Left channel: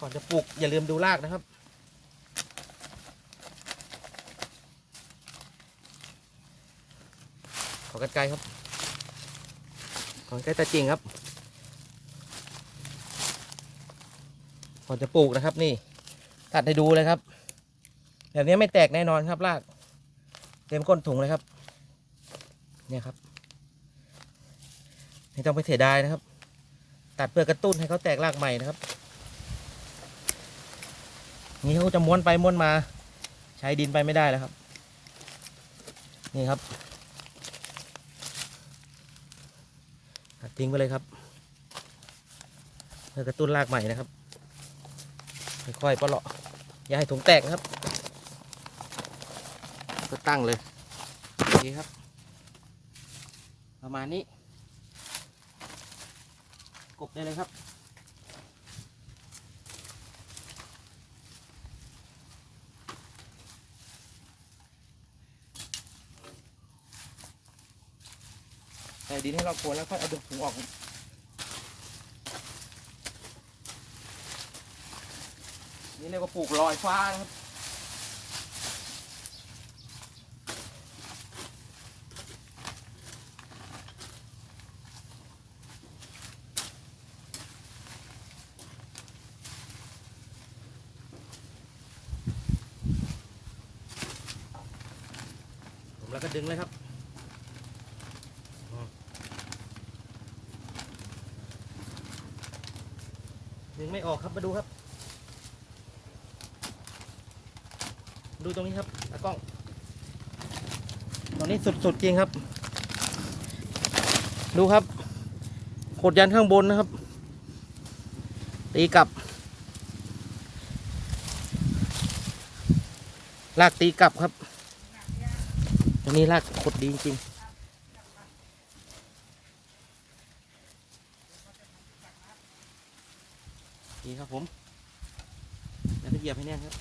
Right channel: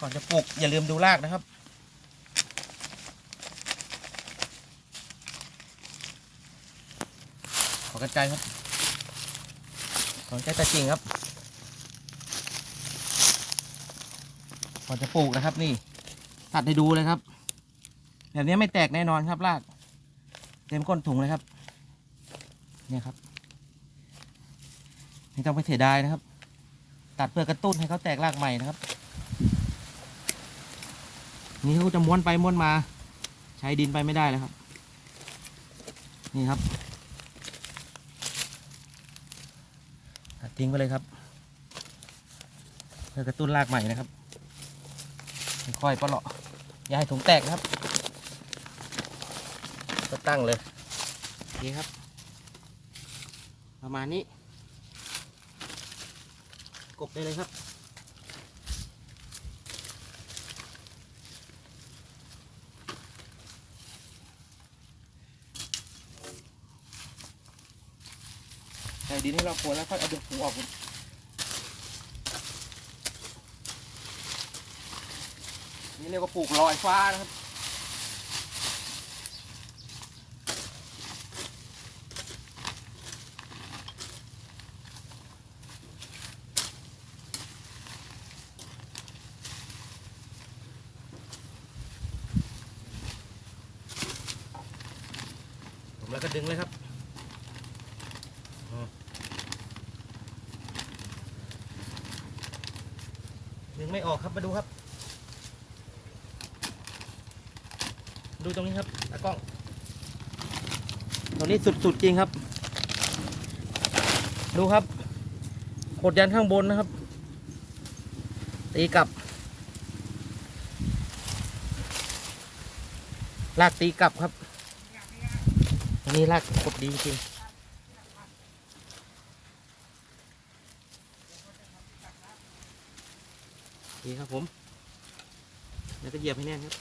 ก่อนจะปลูกอย่าลืมดูรากนะครับ ขอกันไกลครับ ของแกตะจริงครับ ก่อนจะปลูกนะครับนี่ ตัดให้ดูเลยครับแบบนี้ไม่แตกแน่นอนครับราก เต็มก้นถุงเลยครับ เนี่ยครับไม่ต้องไปเสียดายนะครับ ตัดเพื่อกระตุ้นให้เขาแตกรากใหม่นะครับ นี่เขาจะม้วนไปม้วนมา ใช้ดินไปไม่ได้แล้วครับ นี่ครับตัดทิ้งไปเลยครับเพื่อกระตุ้นรากใหม่นะครับค่อยๆปลาะอย่าให้ถุงแตกนะครับ ก็ตั้งเลยนี่ครับ ประมาณนี้ กบได้เลยครับ ใส่ดินให้เราโคนแล้วค่อยเอาเดึงถุงออกนี่เรียกว่าปลูกลอยฟ้านะครับผมแล้วก็ดึงเลยครับ ดึงไม่ออกครับมาดูครับ ดูตรงนี้ครับตากล้องตรงนี้สุดๆจริงครับ ดูครับกดยันข้างบนนะครับ ตีกลับ ลากตีกลับครับ อันนี้รากกบดีจริงๆดี ครับผม แล้วก็เหยียบให้แน่นครับ